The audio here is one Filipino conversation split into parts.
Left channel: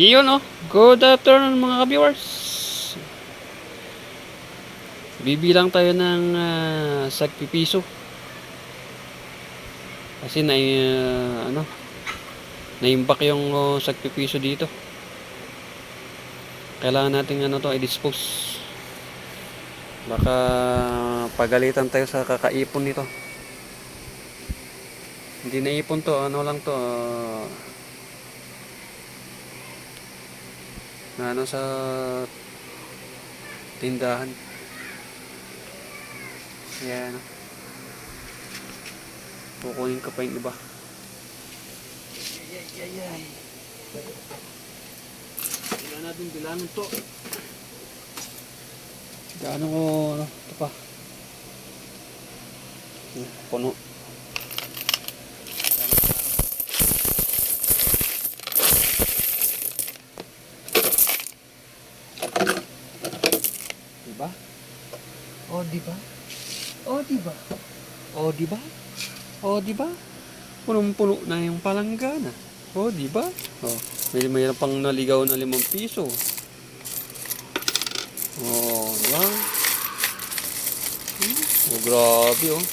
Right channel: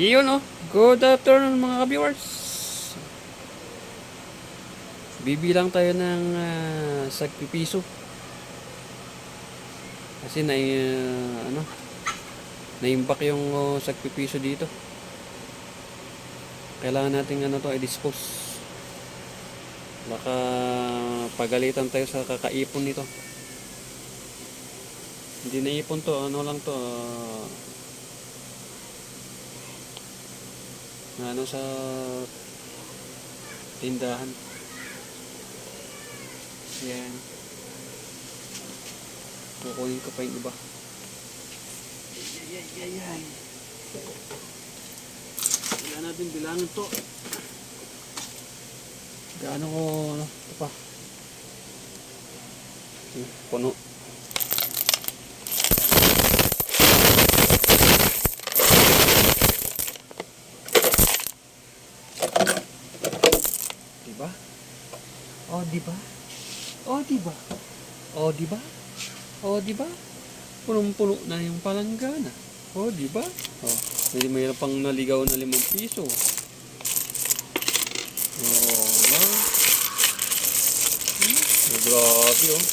Iyon oh. Good afternoon mga ka-viewers. Bibilang tayo ng sagpipiso. Kasi naimbak yung sagpipiso dito. Kailangan natin i-dispose. Baka pagalitan tayo sa kakaipon nito. Hindi naipon to, sa tindahan. Ayan. Kukunin ko pa yung iba. Ay. Kailangan natin bilangin to. Gaano ko, ito pa. Puno. Diba? Oh, diba? Oh, diba? Oh, diba? Oh, diba? Punong-puno na yung palanggana. Oh, diba? Oh, mayroon pang naligaw na 5 piso. Oh, diba? Oh, grabe oh.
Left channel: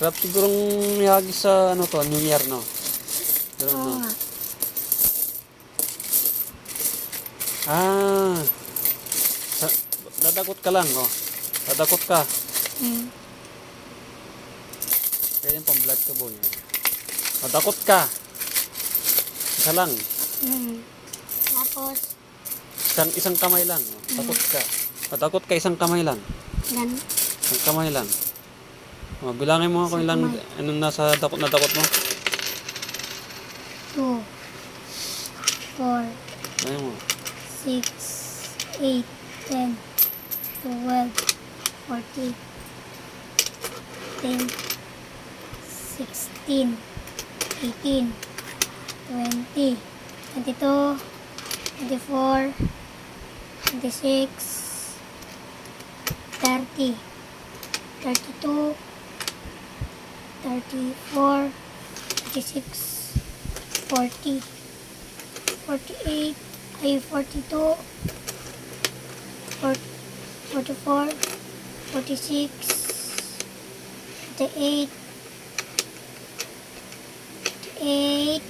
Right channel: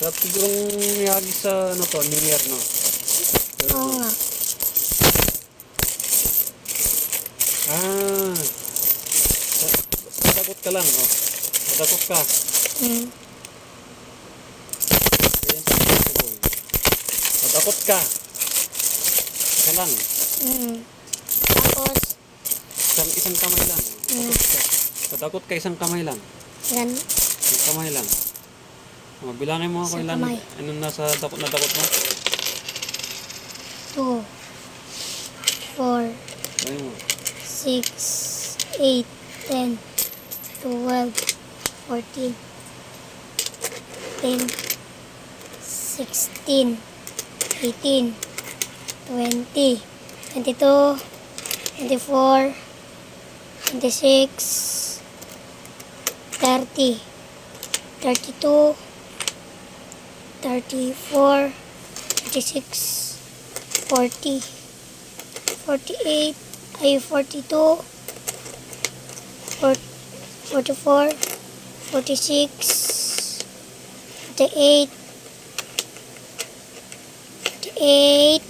Sarap sigurong yagi sa New Year, no? Pero, Padakot ka lang, oh. Padakot ka. Ganyan sa possible. Padakot ka. Isa lang. Tapos? Isang kamay lang. Padakot ka. Padakot ka, isang kamay lang. Yan. Isang kamay lang. Oh, bilangin mo kung ilang nasa dakot na dakot mo. 2 4 Bilangin mo. 6 8 10 12 14 15 16 18 20 22 24 26 30 32 34 36 40 48 42 44 46 48 48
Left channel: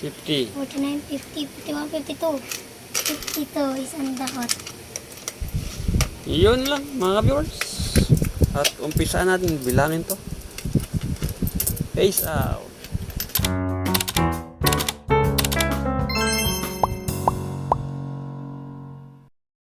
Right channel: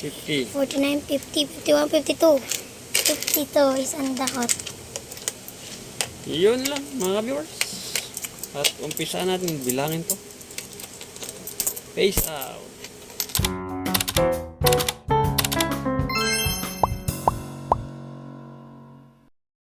50. 49 50 51 52 52 isang dakot. Yun lang mga viewers. At umpisa natin bilangin to. Peace out.